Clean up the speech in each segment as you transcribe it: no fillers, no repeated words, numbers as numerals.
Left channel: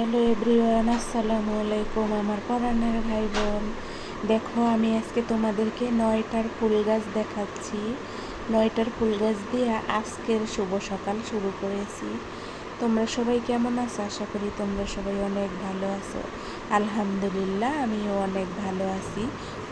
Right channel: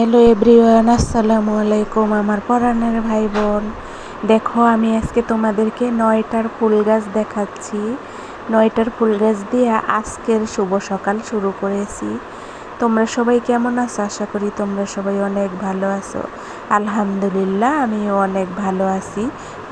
Hello everyone, আসসালামু আলাইকুম আমার পরাণের ভাই বোন। দেখো, আমি আজকে তোমাদেরকে 9টার ফুল গাছ দেখাচ্ছি। 9টার ফুল গাছ দিয়ে আজকের শুভ সকাল শুরু করেছি। তোমরা সবাই কেমন আছো? আশা করি তোমরা সবাই অনেক ভালো আছো। আলহামদুলিল্লাহ, আমিও অনেক ভালো আছি,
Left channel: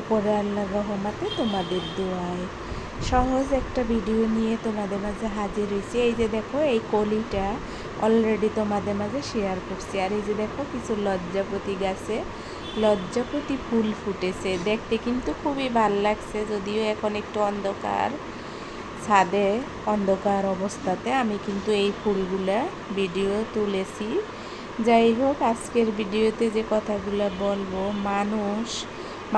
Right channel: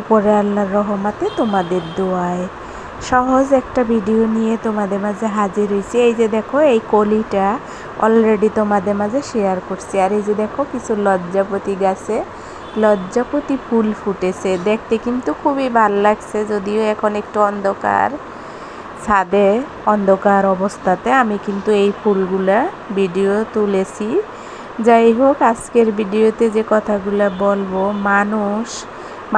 উপরে আল্লাহর রহমতে, তোমাদের দোয়ায়। সহজ একটা ভিডিও নিয়ে তোমাদের মাঝে হাজির হয়েছি। এই যে দেখো, এই কলিটা অলরেডি তোমাদের মাঝে শেয়ার করছি। আর এই যে দেখো, কিছু লজ্জাপতি গাছে লজ্জাপতি ফুল ফুটেছে, দেখতে কিন্তু খুবই ভাল লাগছে। যদিও এখন একটু অন্ধকার, ছাদে অন্ধকার অবস্থাতে আমি কিন্তু এই ফুলগুলা ভিডিও তুলেছি। যাই হোক, আজকের ভিডিওতে যে কথাগুলো বলবো, মানুষ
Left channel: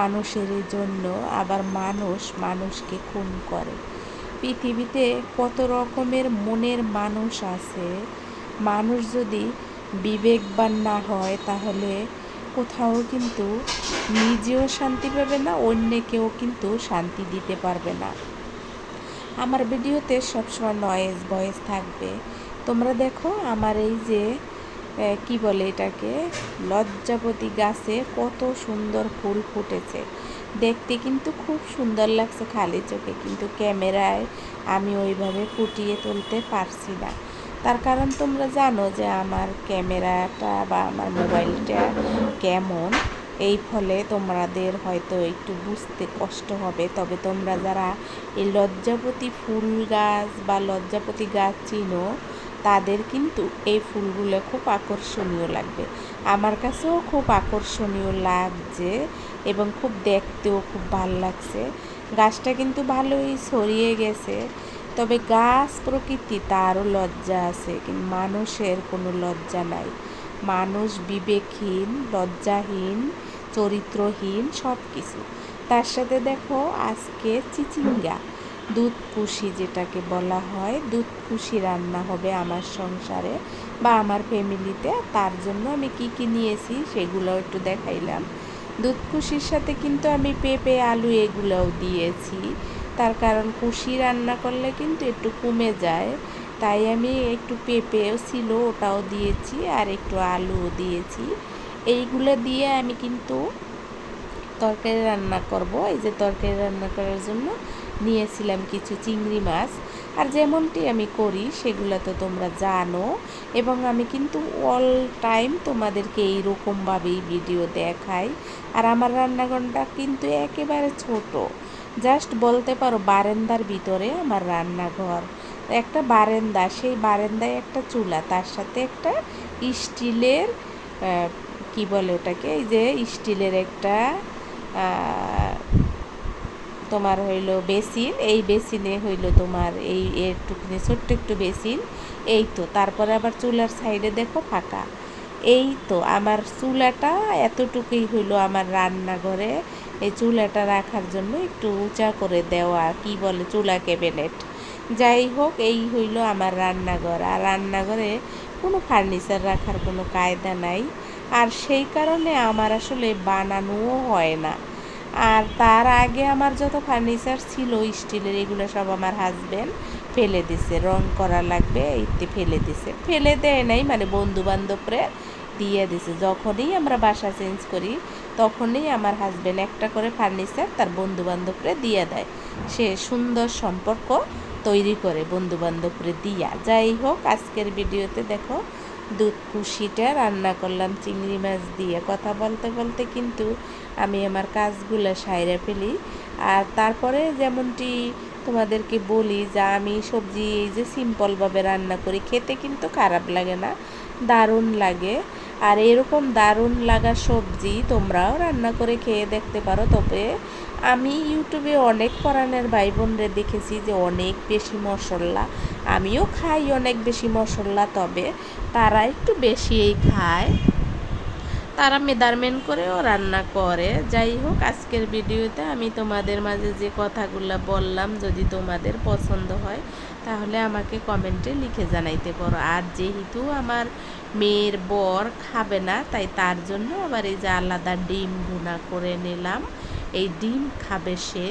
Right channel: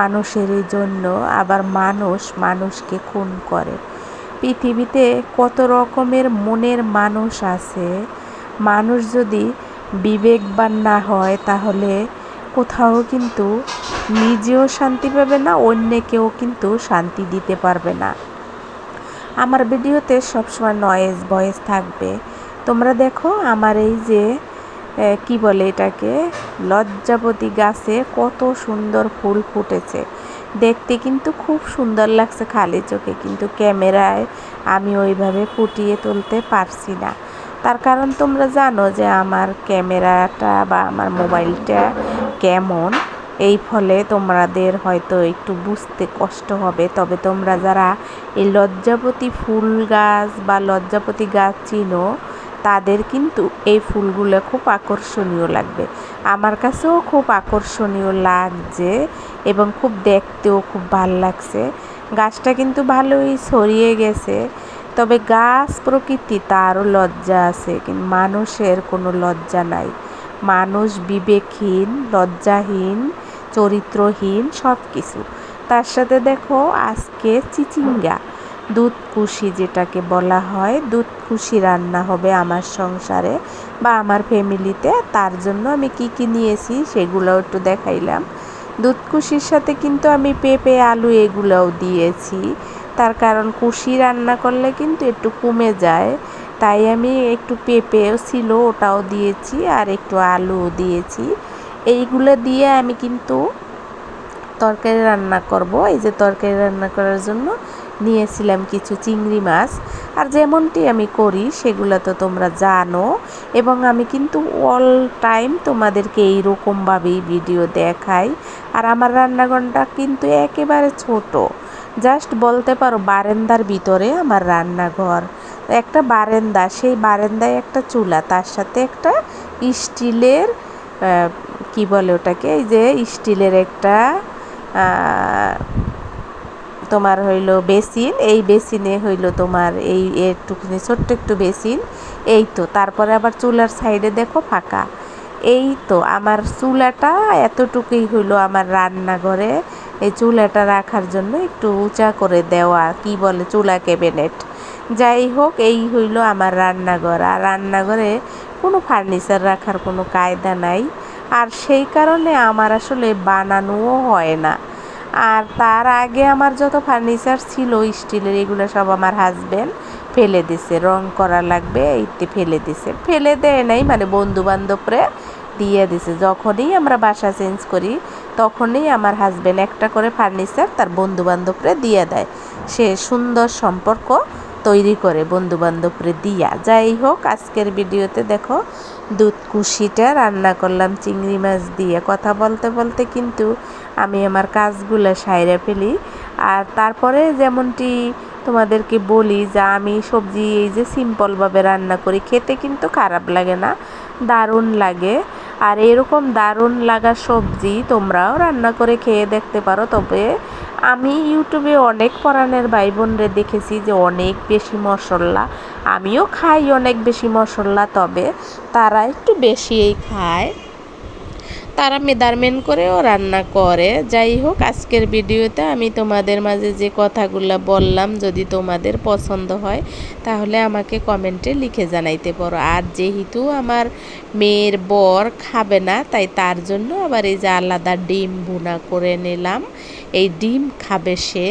মানুষেরই জন্য, আবার মানুষ মানুষকে খুন করে। পৃথিবীতে কত রকমের মনের মানুষ আছে। মানুষ যদি বিবেকবান না হয়, তাহলে কোথাও কিন্তু নিজেও শান্তি পাবে না, অন্যকেও কিন্তু শান্তি দিতে পারবে না। আমার ভিডিওতে সবসময় নয়েজ ভয়েস থাকবে। তোমরা দেখো, আমার এই যে কি বলে এটাকে, লজ্জাপতি গাছে কত সুন্দর ফুল ফুটেছে। দেখতে কিন্তু খুব সুন্দর লাগছে খালি চোখে, কিন্তু ক্যামেরায় আমি ওইভাবে ফুটিয়ে তুলতে পারছি না। তার কারণ তোমরা জানো যে আমার ক্যামেরাটা বা আমার মোবাইলটা কেমন। এই ফলে তোমাদের হয়তো একটু বুঝতে কষ্ট হবে। তবে তোমরা যারা এই লজ্জাপতি ফুল গাছ বা লজ্জাপতি গাছ চিনো, তাদের কিন্তু এই ফুলগুলো খুব আকর্ষণীয় লাগবে। আমার কাছেও খুব আকর্ষণীয় লাগছে এবং খুব দেখতেও খুব ভাল লাগছে। গাছটা কিন্তু ভালোই ছড়িয়ে গেছে। তবে গাছ প্রকৃতি, তারও লজ্জা আছে, কিন্তু মানুষের কোনো লজ্জা নাই। মানুষ বিবেকহীন, লজ্জাহীন, চরিত্রহীন সব কিছু। তার সাথে দেখো, আজকে চিচিঙ্গা, দুধকুশি যেটাকে বলা হয়, দুধকুশি রান্না হবে আমার সংসারে বা আমার ফ্যামিলিতে। তার জন্য আমি কি কি নিয়েছি সেগুলোও একটু দেখাইলাম। দুধকুশির সাথে কিন্তু আমি পেঁপে, আলু এগুলোও দিয়েছি। তার কারণ কুশি রান্না করলে কিন্তু একটু কমে যায়, তাই আমি একটু পেঁপেও ছিল ওটাও দিয়েছি, আর একটু আলুও দিয়েছি। এইগুলো দিয়ে আমি কিন্তু তরকারি রান্না করব। এই যে তরকারি রান্না করার জন্য নিয়েছিলাম কিছু চিংড়ি মাছ। আর যেমনটি আমি করি সেগুলো তো তোমরা জানো, এবং আমি কিন্তু অল টাইম তোমাদেরকে এইরকমভাবেই ভিডিও দেখাই। আর আমার রান্নাঘরটা কিন্তু একেবারে ছোট, জাস্ট বলতে পারো বারান্দার ভিতরে আমার রান্নাঘর। একটা বারান্দা, সেই বারান্দায় একটা চুলা, তার সাথে একটা স্টিলের কি বলে ওটাকে, এই যে স্টিলের একটা তোমার হইলো বেসিন। এই বেসিনে হইলো তোমার এই একটুখানি ছোট্ট একটু বেসিন। এই তো, তারপরে আবার চুলার সাইডে দেখো ফাঁকা। এই তো আমার চুলাটা এতটুকুই হইলো আমার রান্নাঘরে। এই চুলাটা রাখার জন্য একটু উঁচা করে দেওয়া, কি বলে, চুলা ক্যাবিনেট। যাই হোক, এই হইলো আমার রান্নাঘর। আর রান্নাঘরে কোনো ফার্নিচার রাখার কোনো কায়দা নাই, আর সেই কারণে আমার আসলে বানানোও হয় না। আর তার আগে আমার যত ফার্নিচার ছিল স্টিলের, এগুলো সব আমার হাজব্যান্ড ফেলে দিছে। রং করা লাগবে এইতে ফেলে দিছে, ফেলে দেয় নাই মানে বন্ধু বান্ধবরে দিয়ে দিছে। যখনই আমরা বাসা চেঞ্জ করি, তখনই আমার হাজব্যান্ড একটা করে ফার্নিচার তার বন্ধু বান্ধবরে দিয়ে দেয়। সে সুন্দর সম্পর্ক তৈরি করে বন্ধু বান্ধবরে দিয়া। যাই হোক, আজকের ভিডিওতে দেখো, দুধকুশিটা রান্না করলাম চিংড়ি মাছ দিয়ে। কথা বলতে বলতে কিন্তু আমি আমার কাজগুলো সাইরে ফেলি। আর তারপরে যেমনটি তোমাদেরকে বলি যে আমি সবজি এই যে সিম্পলভাবে রান্না করি, খেতে কিন্তু খারাপ লাগে না, দারুণ লাগে। আর এরকম দারুণ লাগা সবজি তোমরাও রান্না করে খেয়ে দেখতে পারো। তবে আমি ইউটিউবে অনেক পরাণের ভাই বোনরে দেখেছি যে অনেক বেশি মশলা, আমিও খাই অনেক বেশি মশলা, তবে তারা একটু বেশিই খায়, তারা মেজারমেন্ট করেও রান্না করে। যাই হোক, আজকের ভিডিওতে আমি তোমাদের মাঝে যে কথাগুলো বললাম, যদি তোমাদের পছন্দ হয় তাহলে আমাকে কমেন্টে লিখে জানাইতে পারো। আর যেহেতু আমার মেয়ের বর খাবে না, তাই তার জন্য আবার এই যে আলাদা ডিম ভুনা করে নিলাম। এই ডিম খাবে সে,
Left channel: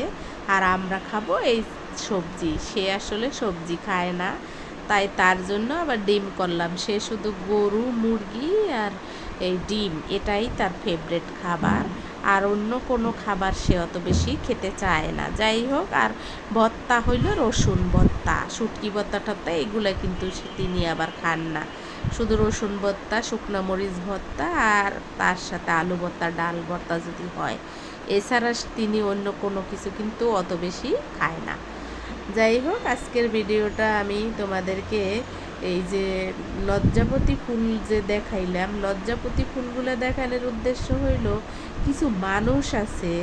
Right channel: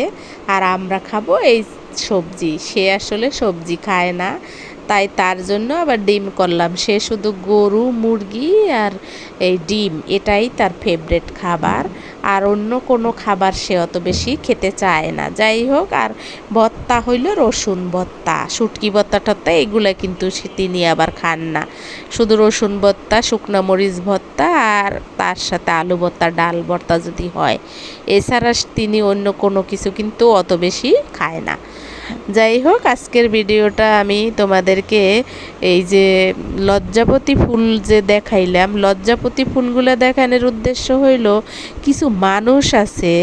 আর আমরা খাবো এই সবজি। সে আসলে সবজি খায় না, তাই তার জন্য আবার ডিম করলাম। সে শুধু গরু মুরগি আর এই ডিম এটাই তার ফেভারিট খাবার, আর অন্য কোনো খাবার সে অত বেশি খেতে চায় না। যাই হোক, আর ভর্তা হইল রসুন ভর্তা, শুটকি ভর্তা টর্তা এগুলো কিন্তু তিনি আবার খান না। শুধু রসুন ভর্তা, শুকনো মরিচ ভর্তা আর তার সাথে আলু ভর্তা, ডাল ভর্তা যদি হয়, এছাড়া তিনি অন্য কোনো কিছু কিন্তু অত বেশি খায় না। যাই হোক, আজকের ভিডিওটা আমি তোমাদেরকে এই যে লজ্জাপতি ফুল যে দেখাইলাম, লজ্জাপতি ফুলগুলো দেখানোর উদ্দেশ্য হইল কিছু মানুষ আছে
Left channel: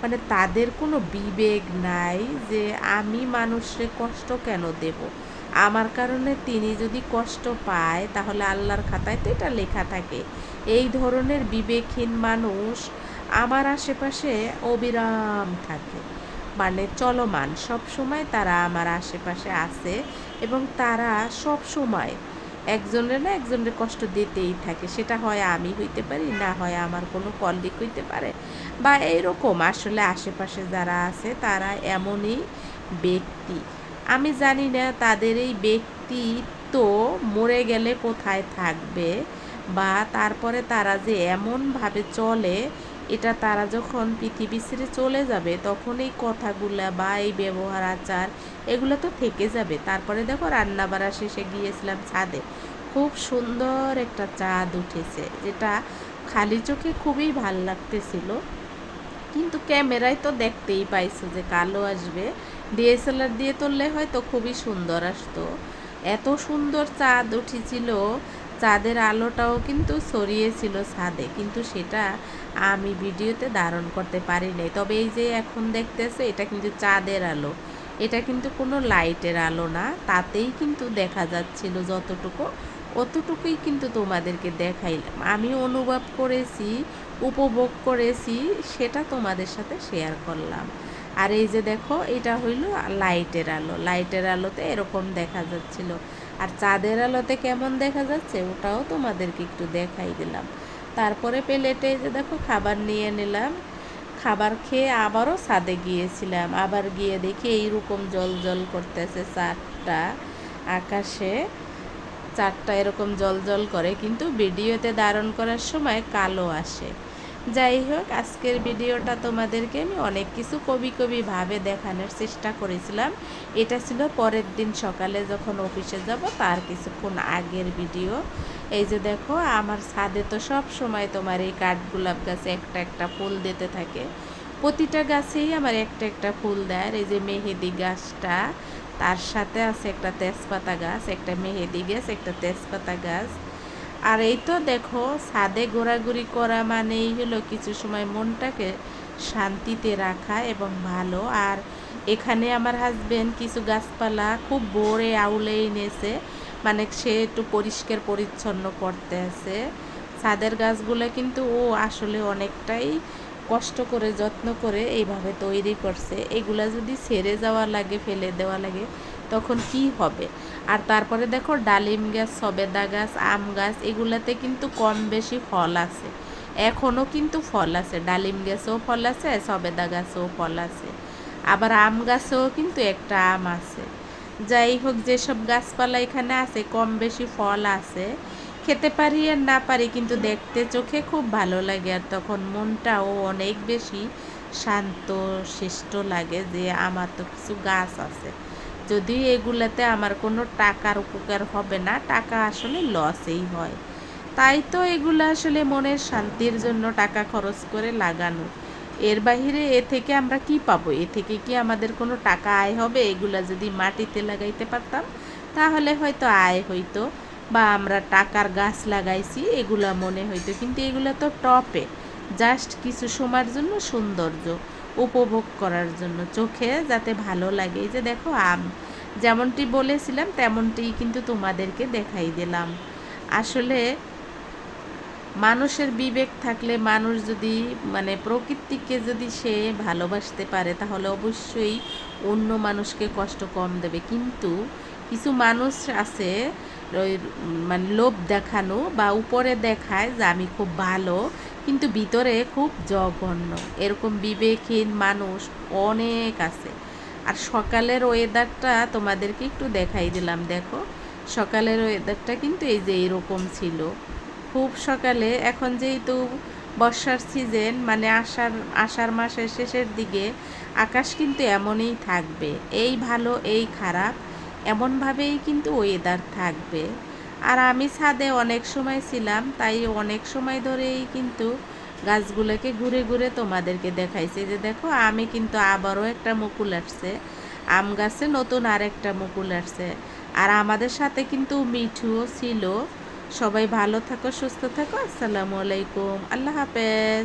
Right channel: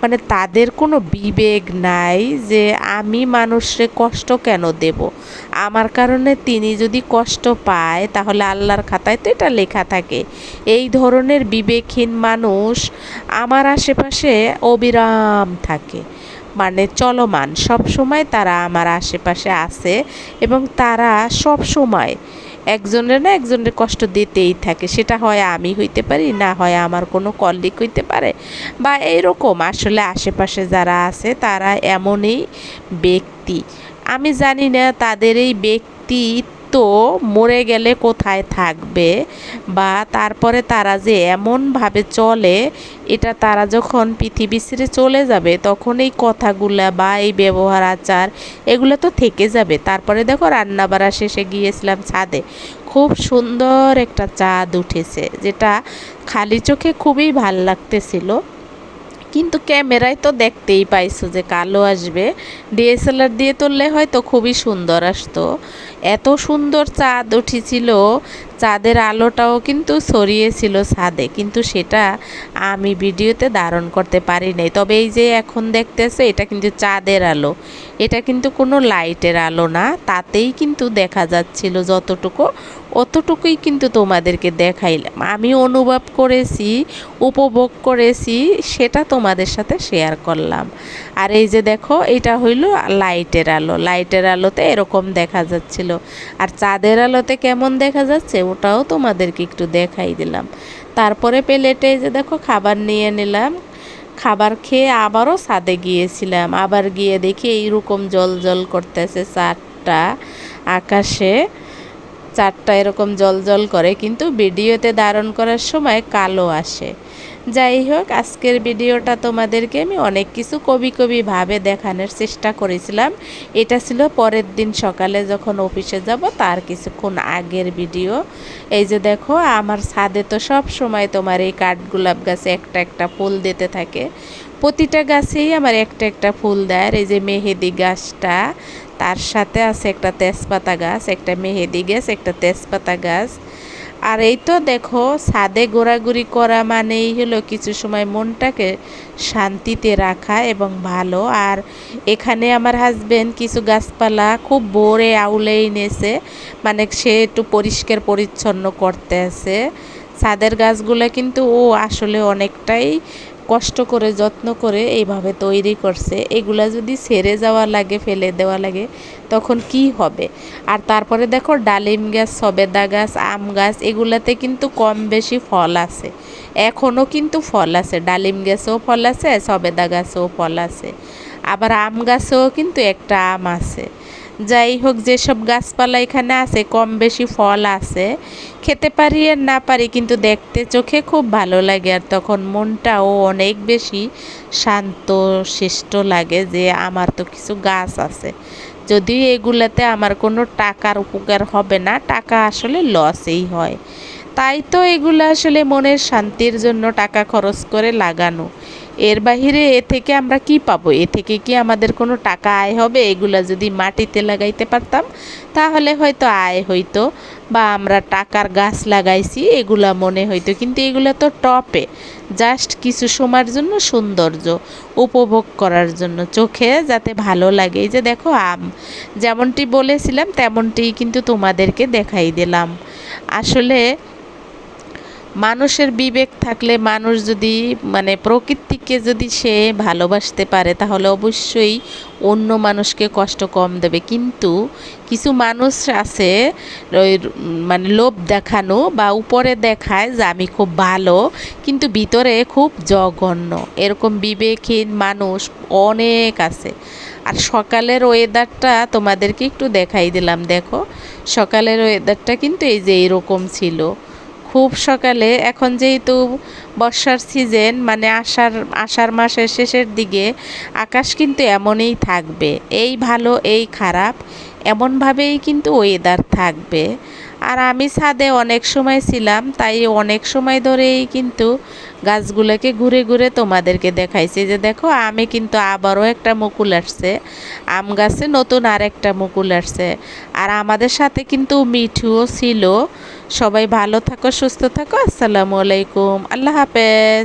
মানে তাদের কোনো বিবেক নাই যে আমি মানুষরে কষ্ট কেন দেব, আমার কারণে তিনি যদি কষ্ট পায় তাহলে আল্লাহর খাতায় তো এটা লেখা থাকে। এই ধরনের বিবেকহীন মানুষ আমার আশেপাশে অবিরাম থাকে, মানে চলমান সব সময় তারা আমার আশেপাশে আছে, এবং তারা সব সময় একজনের না একজনের কষ্ট দিতেই থাকে। সেটা হয় আমি হইতে পারি, না হয় আমার কোনো কলিগ হইতে পারে, বা এইরকম আসলে আশেপাশে যারা আছে তারা এমনই ব্যক্তি। আমি জানি না তাদের এই ব্যক্তিত্ব মরে গেলে কোথায় থাকবে, বা তারপরে তারা যে এমনভাবে চলে, এটা তারা যখন পৃথিবী ছেড়ে চলে যাবে তখন এই কথাগুলা বা এই ব্যবহার আচার এগুলো তো থেকে যাবে। তারপরে দেখো রান্না বাড়া শেষে গিয়েছিলাম ছাদে, খুব সুন্দর একটা চাঁদ উঠেছে, যেটা খালি চোখে খুবই ভাল লাগতেছিল, কিন্তু ক্যামেরায় তো দেখতেই পাইছো যে কালো আসবে, ডিএসএলআর দিয়ে তুললে হয়তো খুবই সুন্দর আসতো। এত সুন্দর চাঁদ উঠেছিল, চাঁদের আলোটাও কিন্তু ছড়িয়েছিল ছাদে, কিন্তু সেটা আমি ভিডিওতে ধারণ করতে পারি নাই। তবে এই যে এখন দেখতেছে এটা কিন্তু চাঁদের আলো, এটা কিন্তু কোনো লাইটের আলো না, তাতেই কিন্তু দেখা যাচ্ছিল যতটুকু অতটুকুই কিন্তু তোমাদেরকে দেখাইলাম। আমি অনুভব করেছি, উপভোগ করেছি, সেটা তোমাদের সাথে শেয়ার করলাম। আর এই যে দেখো এটা হইল লাইটের আলো, লাইটের আলোতে এরকম দেখা যাচ্ছিল, আর চাঁদের আলোতে কেমন দেখা যাচ্ছে ওটাও তোমাদেরকে একটু দেখাই দিলাম। তারপরে প্লেটে যে দেখো খাবার নিয়ে নিলাম, খাবার খেয়ে আবারও ছাদে গিয়েছিলাম, আবার গিয়ে দেখি এইরকম জল জল করতেছে চাঁদটা আকাশে, চারটা এরকম জল জল করে, কিন্তু ভিডিওতে ধারণ করার সময় কালো আসে। যাই হোক, আজকের ভিডিওটা তোমাদেরকে আমি অনেক কিছু কবি কবি ভাবে দেখানোর চেষ্টা করেছিলাম। এটা ছিল পরের দিন সকালে যখন অফিসে যাব তার কিছুক্ষণ আগের ভিডিও। এই যে দেখো আমার ছাদে তো সব সময় তোমার এই কাঠগোলাপ গাছে একটা একটা ফুল দিতে থাকে, প্রতিটা গাছেই আমার একটা একটা ফুল দেয়। আর এই যে মেহেদি গাছটা, তার সাথে আছে একটা তেজপাতা গাছ, একটা মেহেদি গাছ, একটা তেজপাতা গাছ। আর এই তো দেখো ছাদে ঘোরাঘুরি করা মানেই হলো কিছু সময় মনটাকে শান্তিতে রাখা এবং ভালো। আর এখানে আমার হাজবেন্ড কিছু গাছপালা খুব ভোরে আউলে এনেছে, মানে সে একটু পরিষ্কার পরিচ্ছন্ন করতে আছে ছাদের গাছগুলো, কিন্তু ও আসলে অনেকটাই কষ্ট করে যত্ন করে এইভাবে তৈরি করছে। এগুলা যদি ছেড়ে যাওয়া লাগে, ফেলে দেওয়া লাগে, তখন কি হবে। আর তারপরে দেখো ডালিম গাছ, সবেদা গাছ, আম গাছ এগুলাতে কিন্তু কম বেশি ফল আছে, এখনও কিন্তু ফল আছে, ডালিম গাছেও ফল আছে, সবেদা গাছেও ফল আছে, আবার আম গাছেও কিন্তু একটা আম আছে। যাই হোক, যেসব গাছপালা এখানে আছে কম বেশি ফল আছে, খেতে পারি আর না পারি, কিন্তু দেখতে চোখে খুব ভালো লাগে, আর তখন মনটাও অনেক বেশি শান্ত শিষ্ট লাগে যে আমার তো কিছু গাছ আছে। যদিও এগুলাতে আমার কোনো টাকার উপকার হবে না, টাকা আসলে লসেই হয়, তাই তো এগুলো আসলে মনের শান্তির জন্য টাকা খরচ করে লাগানো। এর বাহিরে এ থেকে আমরা কি পাবো, এ থেকে কি আমাদের কোনো টাকা আয় হবে? এগুলা যদি মাটিতে লাগাইতে পারতাম তাহলে হয়তো আয় হইতো, বা আমরা টাকার গাছ লাগাইছি এগুলা মনে হইতো, কিন্তু এগুলো তো টপে জাস্ট কিছু সময়ের জন্য সৌন্দর্য উপভোগ করার জন্য, চোখে যাতে ভালো লাগে। এই যে দেখো আম, যেমনটি বলেছিলাম তেমনটিই কিন্তু তোমাদেরকে দেখাই দিলাম। আসলে মানুষের বিবেক থাকলে, মানুষ যদি মানে প্রকৃতিকে যদি সে ভালোবাসতে পারে তাহলে অবশ্যই অন্য মানুষকে কষ্ট কম দেবে। কিন্তু কিছু মানুষ আছে ওই মানে লোভ দেখানো বা উপরে দেখায় যে আমি খুব ভালো, কিন্তু ভিতরে খুব জঘন্য, এরকম বিবেকহীন মানুষ অনেক আছে। আর সকালের ওয়েদারটা তোমাদেরকে একটু দেখাই দিলাম। দেখো সকালের ওয়েদারটা কিন্তু এই যে এইরকম ছিল, খুব সকালে। এখন যেহেতু বর্ষার সিজন, মানে আষাঢ় মাসের শেষের দিকে আকাশ কিন্তু এমনই থাকবে, এই ভালো এই খারাপ এমনভাবেই কিন্তু ওয়েদার থাকবে। আর আমি ছাদে অনেক সময় ছিলাম, তাই অনেক সময় ধরেই কিন্তু গাছগুলোকে ঘুরে ঘুরে তোমাদেরকে দেখাইছি। যে দেখো আমে কিন্তু আবারও একটা মুকুল আসছে, আম গাছে নতুন আর একটা মুকুল আসছে। আর আমাদের সাথে কিন্তু মিঠুও ছিল। সবাই ভালো থাকো, সুস্থ থাকো। আসসালামু আলাইকুম, আল্লাহ হাফেজ।